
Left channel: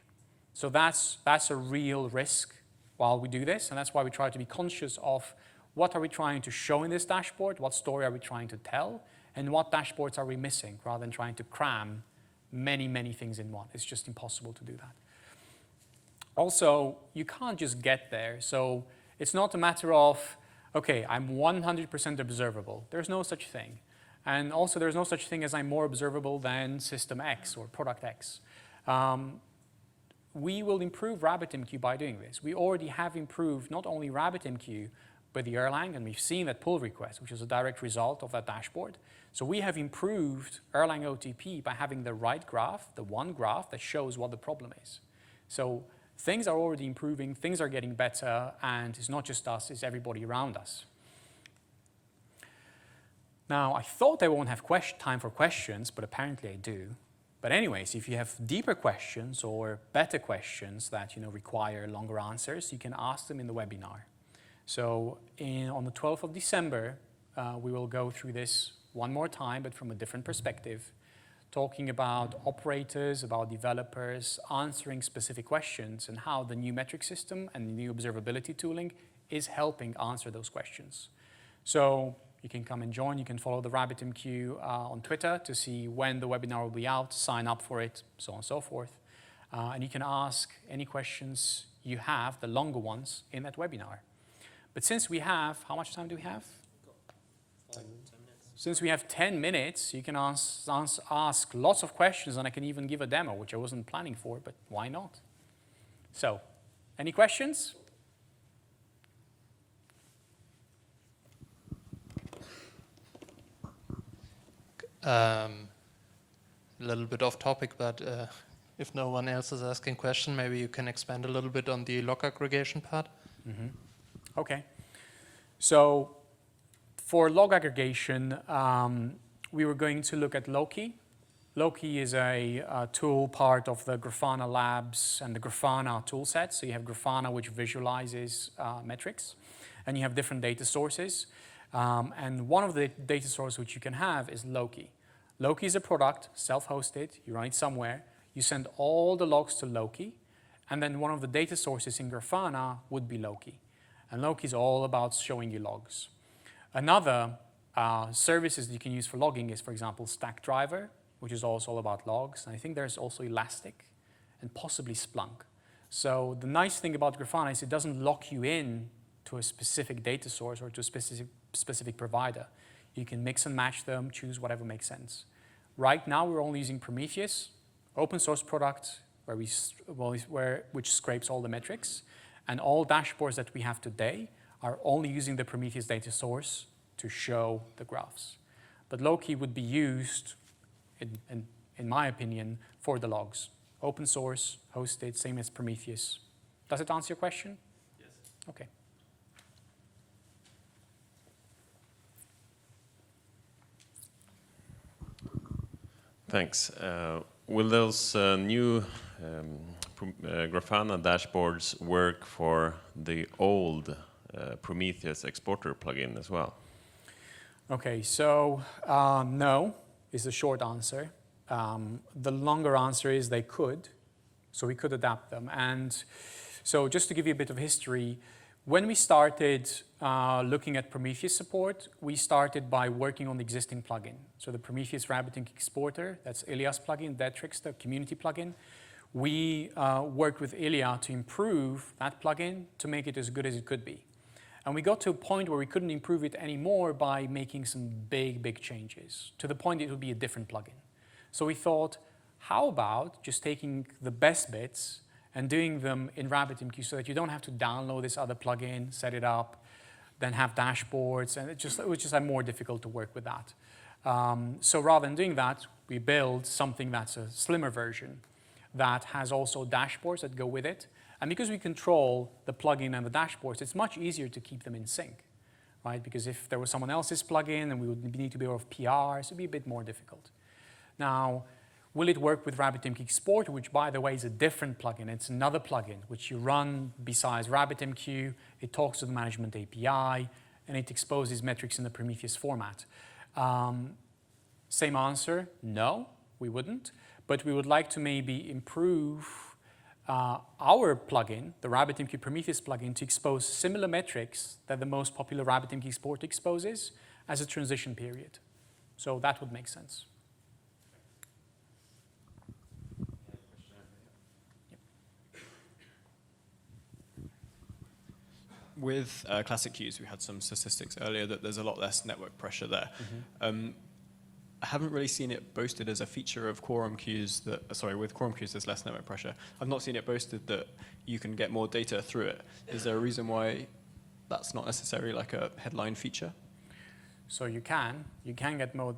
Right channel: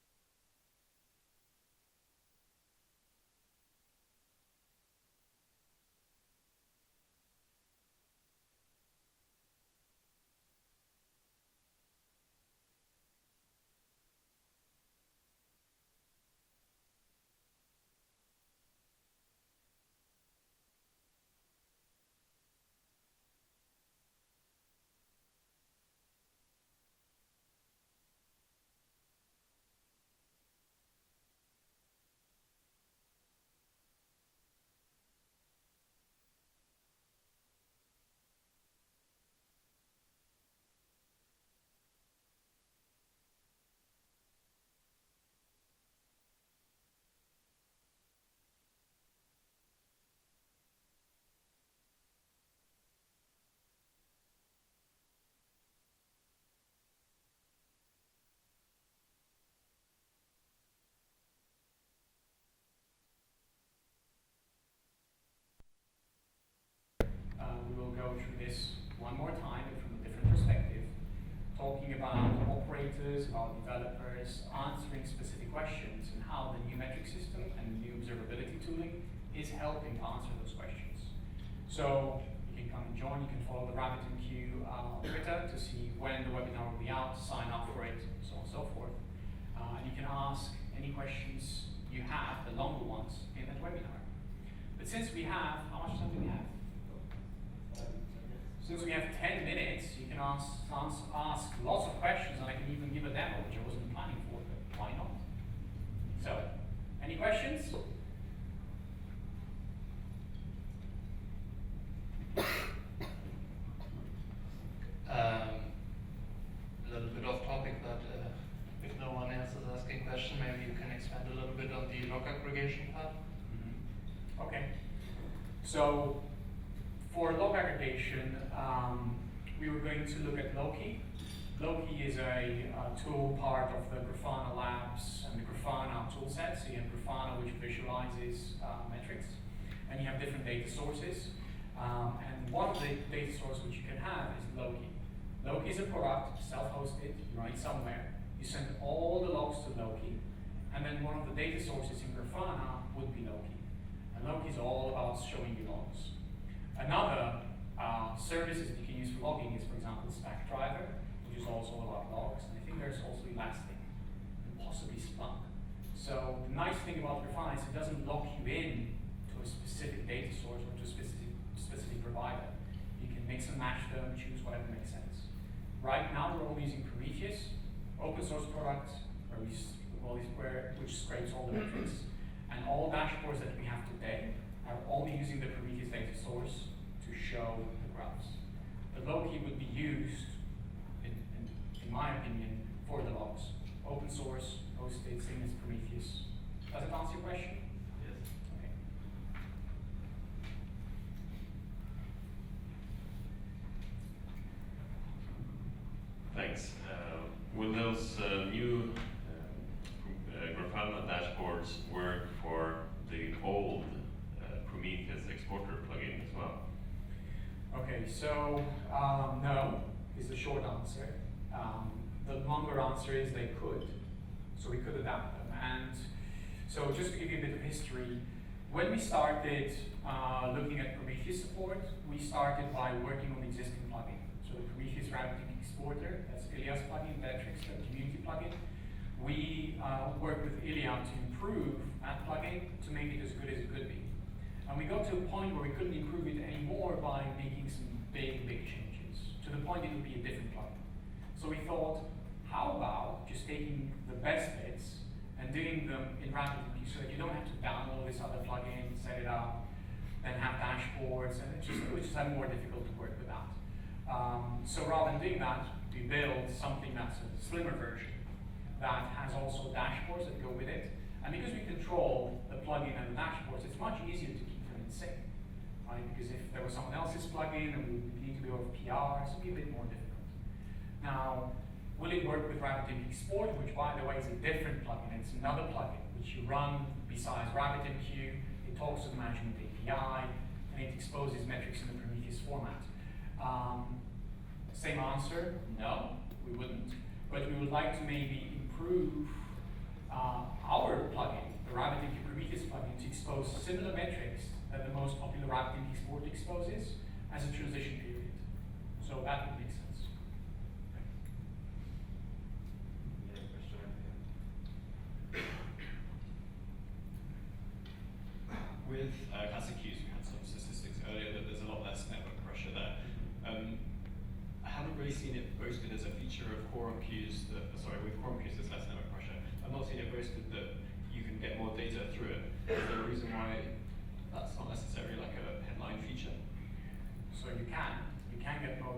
So that's a real risk while we do this, and that's why we try to be conscious of what are we trying to show in this dashboard, what story are we trying to tell, and what dashboards are we missing, rather than trying to cram many, many things in one. It's just impossible to do that. Also, you can't just get there. So it's not a matter of, okay, I'm 100% observable. There's no such thing. And also, there's no such thing as I'm more observable than system X or product X. We will improve RabbitMQ by doing this. We already have improved not only RabbitMQ, but the Erlang, and we've seen that pull request, which is a direct result of that dashboard. So we have improved Erlang OTP by having the right graph, the one graph that shows what the problem is. So things are already improving, things are getting better, and it's not just us, it's everybody around us. Now, I thought I won't have time for questions, but apparently I do. But anyways, if you have deeper questions or better questions that require longer answers, you can ask them in the webinar. So on the 12th of December, we will go through this one more time, but from a different perspective, talking about operators, about developers, answering specific questions, and how the new metric system and the new observability tooling is helping answer those questions. So you can come and join. You can follow the RabbitMQ on Twitter to see when the webinar will be out, sign up for it, so on and so forth. And you can ask any questions you have, the longer ones, in that webinar. But since we have, how much time do we have? Since we have 10 minutes, you can ask lots of questions, and I can even give a demo, which I wasn't planning for, but why not? So, any questions? A little bit off topic, but if no one else is asking a question, maybe you can expand a little bit on the log aggregation part. Mm-hmm. Okay. So for log aggregation, we were going to look at Loki. Loki is a tool part of the Grafana Labs and the Grafana toolset. So you have Grafana, which visualizes metrics, and you have different data sources. And one of the data sources which you can have is Loki. Loki is a product, self-hosted, you run it somewhere, you send all the logs to Loki, and then one of the data sources in Grafana would be Loki. And Loki is all about showing you logs. Another services that you can use for logging is, for example, Stackdriver, which is also all about logs. And I think there's also Elastic and possibly Splunk. So the nice thing about Grafana is it doesn't lock you in to a specific data source or to a specific provider. You can mix and match them, choose whatever makes sense. Right now, we're only using Prometheus, open source product, which scrapes all the metrics. And all dashboards that we have today are only using the Prometheus data source to show the graphs. But Loki would be used, in my opinion, for the logs. Open source, hosted, same as Prometheus. Does it answer your question? Yes. Okay. Thanks. Will those new Grafana dashboards work for the old Prometheus exporter plugin as well? Okay, so no is the short answer. The longer answer is they could, so we could adapt them. And so just to give you a bit of history, when we started looking at Prometheus support, we started by working on the existing plugin. So the Prometheus RabbitMQ exporter, that's Ilya's plugin, Detrix, the community plugin. We worked with Ilya to improve that plugin to make it as good as it could be. And we got to a point where we couldn't improve it anymore by making some big changes, to the point it would be a different plugin. So we thought, how about just taking the best bits and doing them in RabbitMQ so that you don't have to download this other plugin, set it up, then have dashboards, and it was just more difficult to work with that. So rather than doing that, we built something that's a slimmer version that has also dashboards that go with it. And because we control the plugin and the dashboards, it's much easier to keep them in sync, right? Because if there was someone else's plugin, then we would need to be aware of PRs, it'd be a bit more difficult. Now, will it work with RabbitMQ Exporter, which by the way is a different plugin? It's another plugin which you run besides RabbitMQ. It talks to the management API, and it exposes metrics in the Prometheus format. Same answer, no, we wouldn't. But we would like to maybe improve our plugin, the RabbitMQ Prometheus plugin, to expose similar metrics that the most popular RabbitMQ Export exposes as a transition period. So that would make sense. With classic queues, we had some statistics earlier that there's a lot less network pressure there. Mm-hmm. I haven't really seen it boasted as a feature of quorum queues with quorum queues there's less network pressure. I've not seen it boasted that you can get more data through it. Is there a reason why that's not necessarily like a headline feature? So you can get more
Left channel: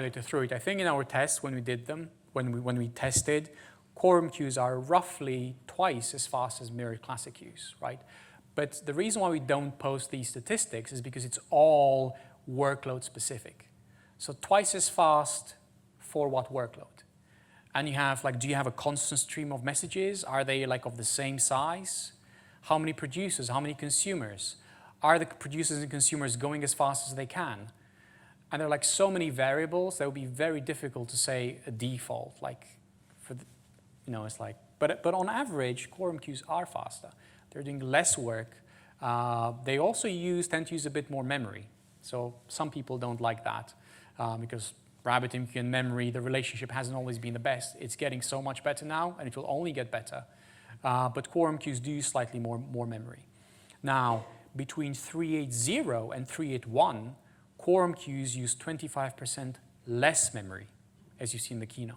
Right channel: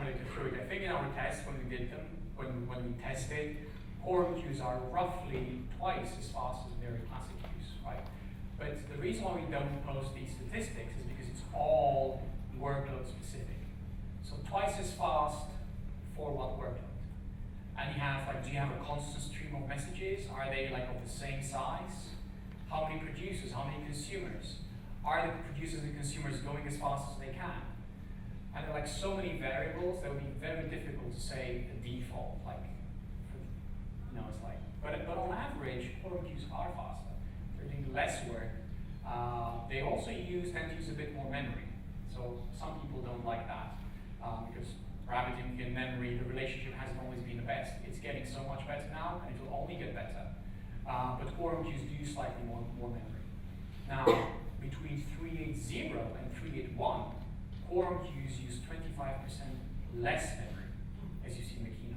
data through it. I think in our tests when we did them, when we tested, quorum queues are roughly twice as fast as mirror classic queues, right? But the reason why we don't post these statistics is because it's all workload specific. So twice as fast for what workload? And you have do you have a constant stream of messages? Are they of the same size? How many producers? How many consumers? Are the producers and consumers going as fast as they can? And there are like so many variables that would be very difficult to say a default, like for the, it's like, but on average, quorum queues are faster. They're doing less work. They also tend to use a bit more memory. So some people don't like that because RabbitMQ and memory, the relationship hasn't always been the best. It's getting so much better now, and it will only get better. But quorum queues do use slightly more memory. Now, between 3.8.0 and 3.8.1, quorum queues use 25% less memory, as you see in the keynote.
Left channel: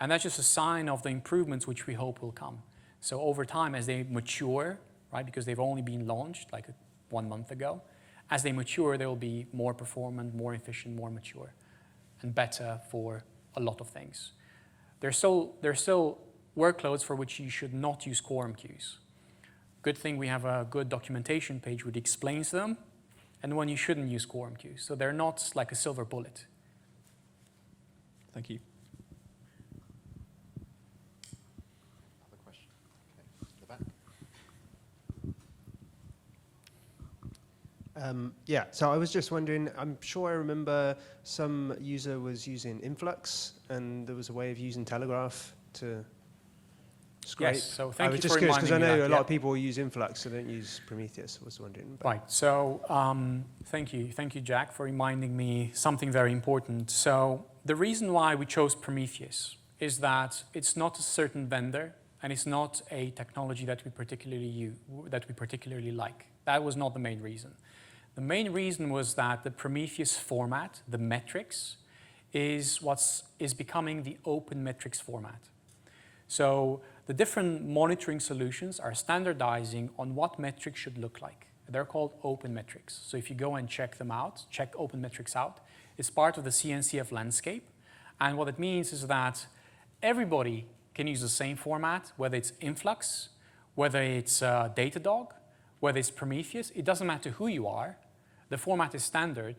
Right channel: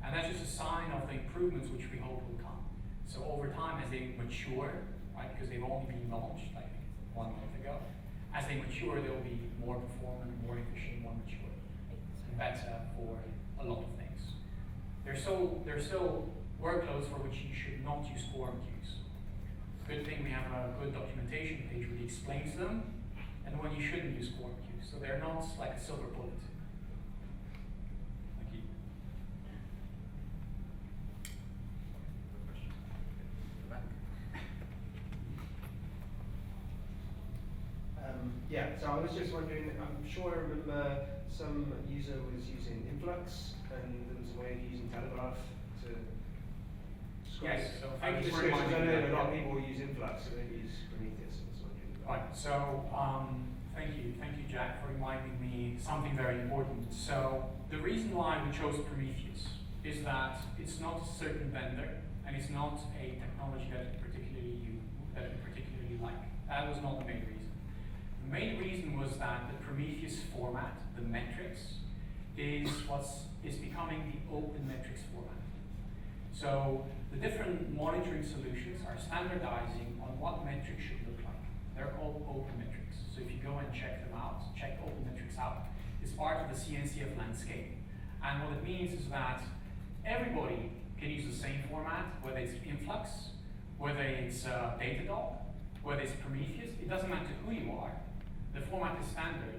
And that's just a sign of the improvements which we hope will come. So over time, as they mature, right, because they've only been launched like 1 month ago, as they mature, they will be more performant, more efficient, more mature, and better for a lot of things. There's still workloads for which you should not use quorum queues. Good thing we have a good documentation page which explains them, and when you shouldn't use quorum queues. So they're not like a silver bullet. Thank you. Yeah, so I was just wondering, I'm sure I remember some user was using Influx, and there was a way of using Telegraph to scrape. Yes, so thank I was you just for curious, because I reminding me know that, a lot yeah. of people use Influx, so don't use Prometheus. I was wondering. Right, so thank you, Jack, for reminding me something very important. So the reason why we chose Prometheus is that it's not a certain vendor, and it's not a technology that we particularly like. That was not the main reason. The main reason was that the Prometheus format, the metrics, is becoming the open metrics format. So the different monitoring solutions are standardizing on what metrics should look like. They're called open metrics. So if you go and check them out, check open metrics out, it's part of the CNCF landscape. And what it means is that everybody can use the same format, whether it's Influx, whether it's Datadog, whether it's Prometheus. It doesn't matter who you are. The format is standard,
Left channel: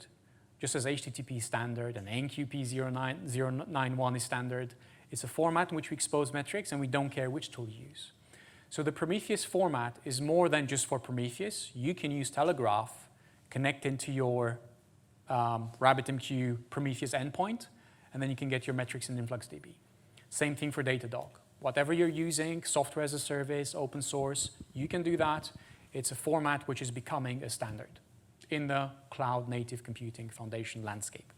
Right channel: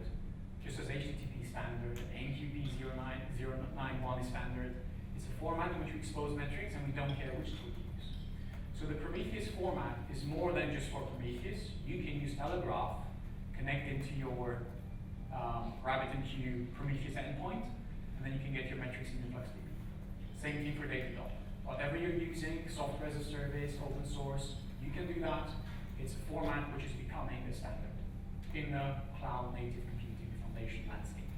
just as HTTP is standard and ANQP 091 is standard. It's a format in which we expose metrics, and we don't care which tool you use. So the Prometheus format is more than just for Prometheus. You can use Telegraph, connect into your RabbitMQ Prometheus endpoint, and then you can get your metrics in InfluxDB. Same thing for Datadog. Whatever you're using, software as a service, open source, you can do that. It's a format which is becoming a standard in the cloud native computing foundation landscape.